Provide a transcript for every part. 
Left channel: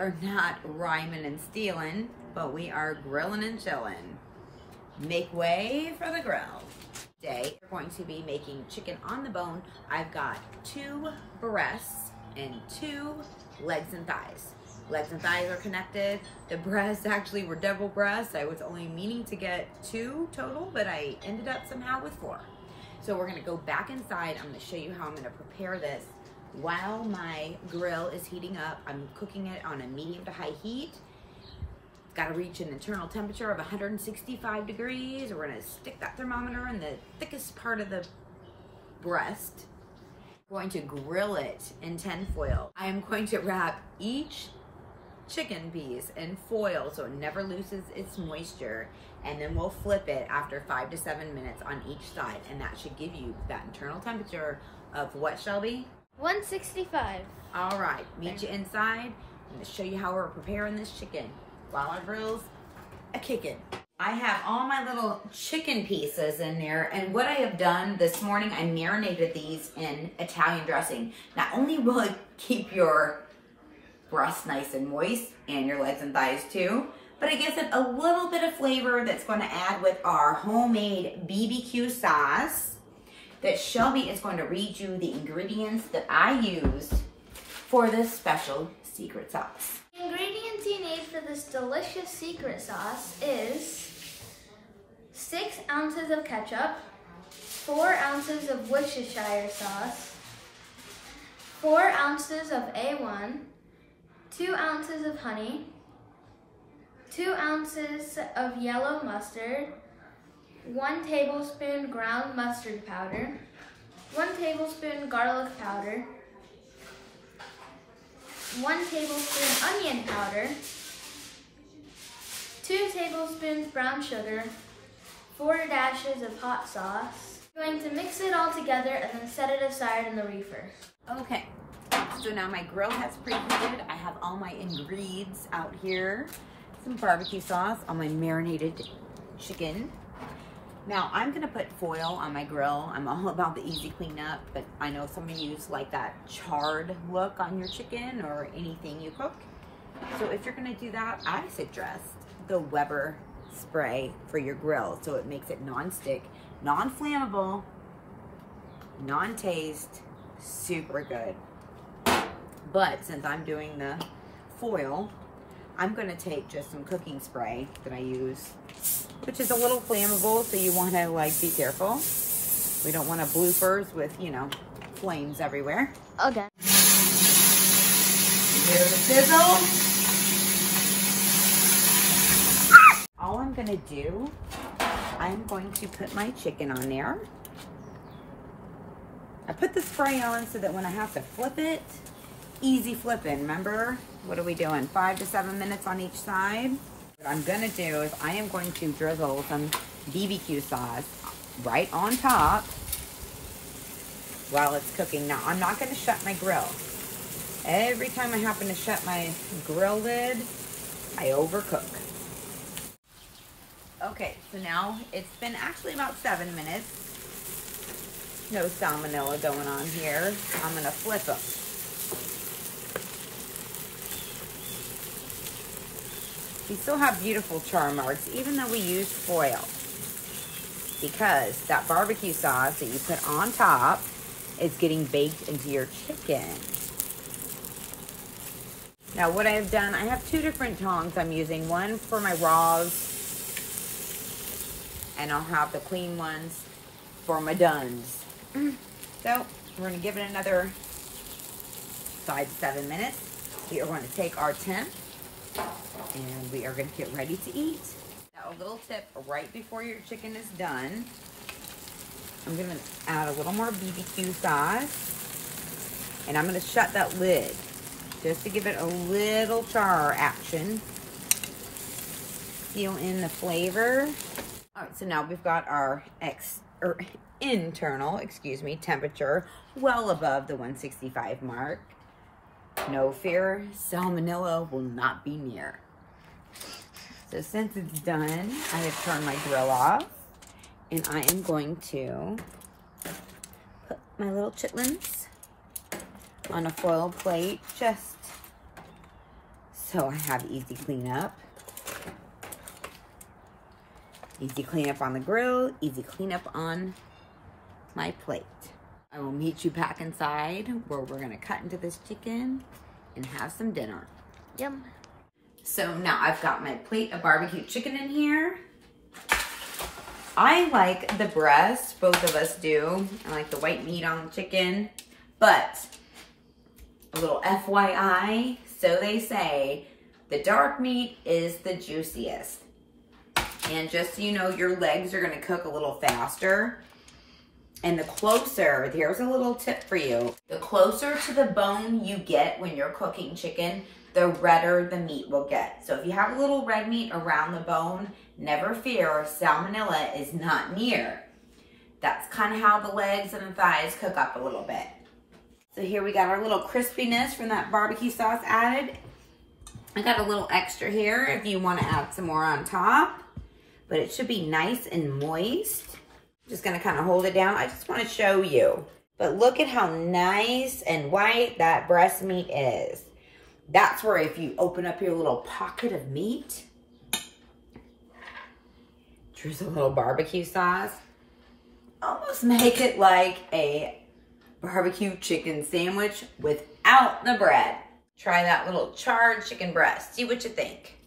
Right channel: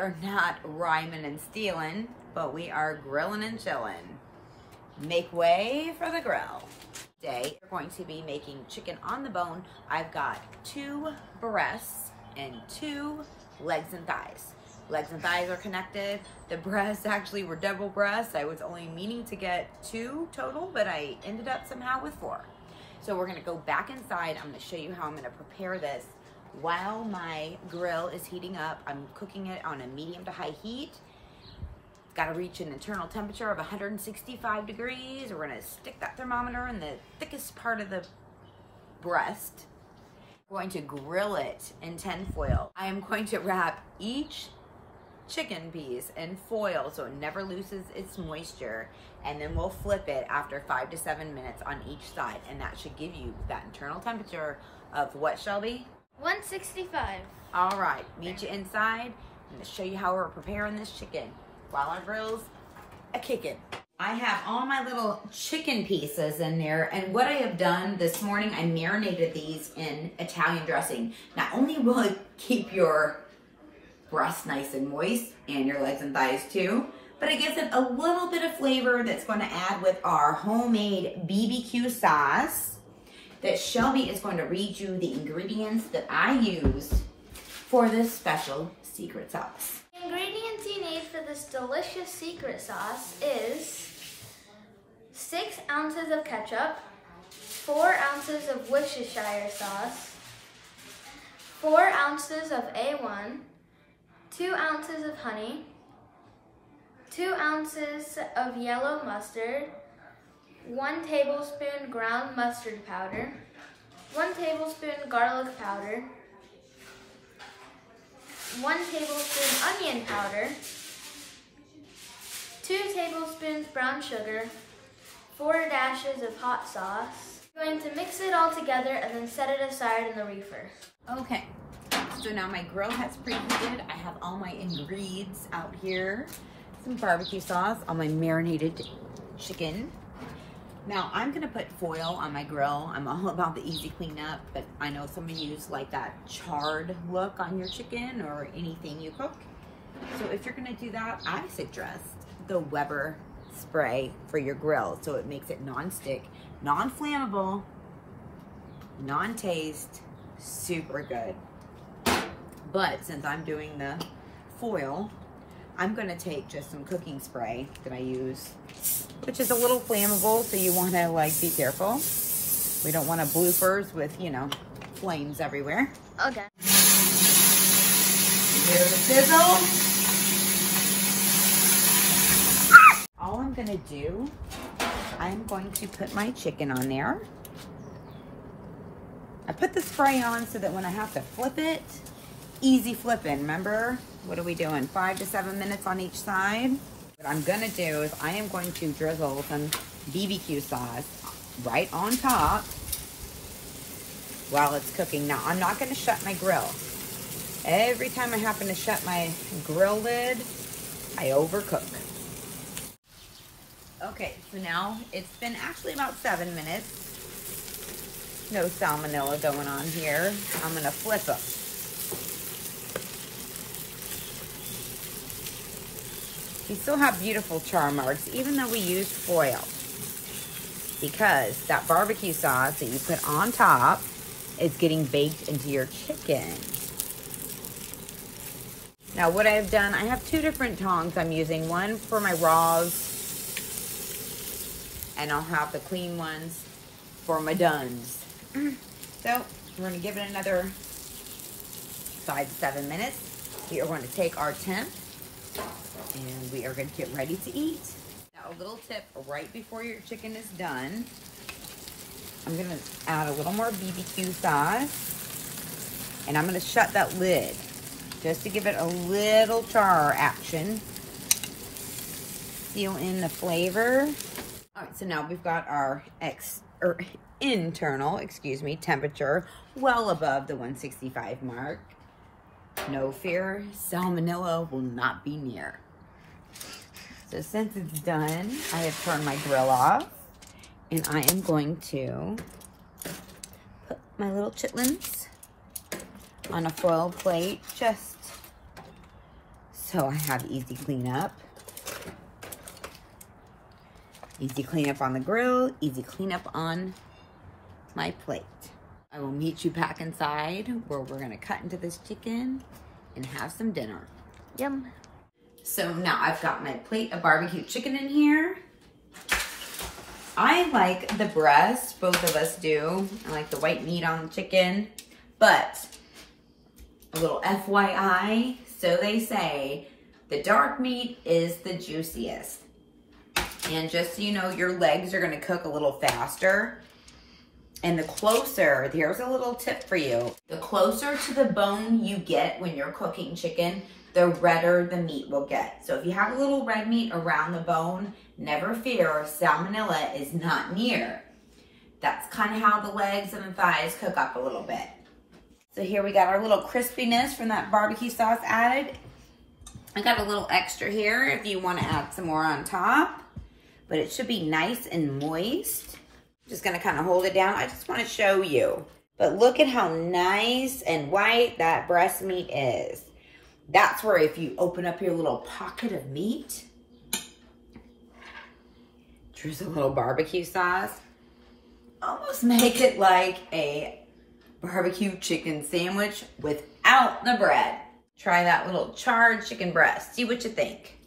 are not rhyming and stealing, but we are grilling and chilling. Make way for the grill. Today, we're going to be making chicken on the bone. I've got 2 breasts and 2 legs and thighs. Legs and thighs are connected. The breasts actually were double breasts. I was only meaning to get 2 total, but I ended up somehow with 4. So we're gonna go back inside. I'm gonna show you how I'm gonna prepare this while my grill is heating up. I'm cooking it on a medium to high heat. It's gotta reach an internal temperature of 165 degrees. We're gonna stick that thermometer in the thickest part of the breast. We're going to grill it in tin foil. I am going to wrap each chicken piece in foil so it never loses its moisture, and then we'll flip it after 5 to 7 minutes on each side, and that should give you that internal temperature of what, Shelby? 165. All right, meet you inside. I'm gonna show you how we're preparing this chicken while our grill's a-kicking. I have all my little chicken pieces in there, and what I have done this morning, I marinated these in Italian dressing. Not only will it keep your breast nice and moist, and your legs and thighs too, but it gives it a little bit of flavor that's going to add with our homemade BBQ sauce that Shelby is going to read you the ingredients that I use for this special secret sauce. The ingredients you need for this delicious secret sauce is 6 ounces of ketchup, 4 ounces of Worcestershire sauce, 4 ounces of A1, 2 ounces of honey, 2 ounces of yellow mustard, 1 tablespoon ground mustard powder, 1 tablespoon garlic powder, 1 tablespoon onion powder, 2 tablespoons brown sugar, 4 dashes of hot sauce. I'm going to mix it all together and then set it aside in the reefer. Okay, so now my grill has preheated. I have all my ingredients out here. Some barbecue sauce, all my marinated chicken. Now I'm gonna put foil on my grill. I'm all about the easy cleanup, but I know some of you like that charred look on your chicken or anything you cook. So if you're gonna do that, I suggest the Weber spray for your grill. So it makes it non-stick, non-flammable, non-taste, super good. But since I'm doing the foil, I'm gonna take just some cooking spray that I use, which is a little flammable, so you wanna be careful. We don't want bloopers with, flames everywhere. Okay. Here's the sizzle. All I'm gonna do, I'm going to put my chicken on there. I put the spray on so that when I have to flip it, easy flipping. Remember, what are we doing? 5 to 7 minutes on each side. What I'm gonna do is I am going to drizzle some BBQ sauce right on top while it's cooking. Now, I'm not gonna shut my grill. Every time I happen to shut my grill lid, I overcook. Okay, so now it's been actually about 7 minutes. No salmonella going on here. I'm gonna flip it. You still have beautiful char marks, even though we used foil, because that barbecue sauce that you put on top is getting baked into your chicken. Now what I've done, I have 2 different tongs I'm using, one for my raws, and I'll have the clean ones for my duns. So we're gonna give it another 5 to 7 minutes. We are going to take our temp and we are going to get ready to eat. Now a little tip right before your chicken is done, I'm going to add a little more BBQ sauce, and I'm going to shut that lid just to give it a little char action. Seal in the flavor. All right, so now we've got our internal temperature well above the 165 mark. No fear, salmonella will not be near. So since it's done, I have turned my grill off, and I am going to put my little chitlins on a foil plate just So I have easy cleanup. Easy cleanup on the grill, easy cleanup on my plate. I will meet you back inside where we're gonna cut into this chicken and have some dinner. Yum. So now I've got my plate of barbecue chicken in here. I like the breast, both of us do. I like the white meat on the chicken, but a little FYI, so they say, the dark meat is the juiciest. And just so you know, your legs are gonna cook a little faster. And the closer, here's a little tip for you. The closer to the bone you get when you're cooking chicken, the redder the meat will get. So if you have a little red meat around the bone, never fear, salmonella is not near. That's kind of how the legs and the thighs cook up a little bit. So here we got our little crispiness from that barbecue sauce added. I got a little extra here if you want to add some more on top, but it should be nice and moist. Just gonna kind of hold it down. I just want to show you, but look at how nice and white that breast meat is. That's where if you open up your little pocket of meat, drizzle a little barbecue sauce, almost make it like a barbecue chicken sandwich without the bread. Try that little charred chicken breast. See what you think.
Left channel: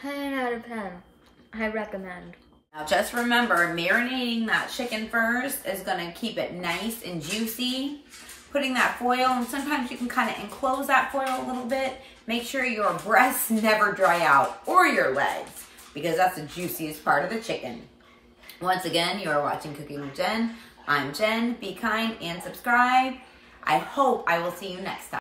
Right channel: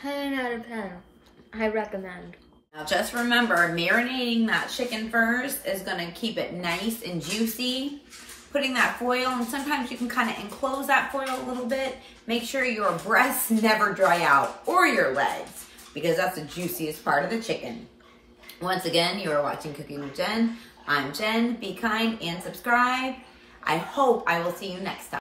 10 out of 10. I recommend. Now just remember, marinating that chicken first is gonna keep it nice and juicy. Putting that foil, and sometimes you can kind of enclose that foil a little bit. Make sure your breasts never dry out, or your legs, because that's the juiciest part of the chicken. Once again, you are watching Cooking with Jen. I'm Jen. Be kind and subscribe. I hope I will see you next time.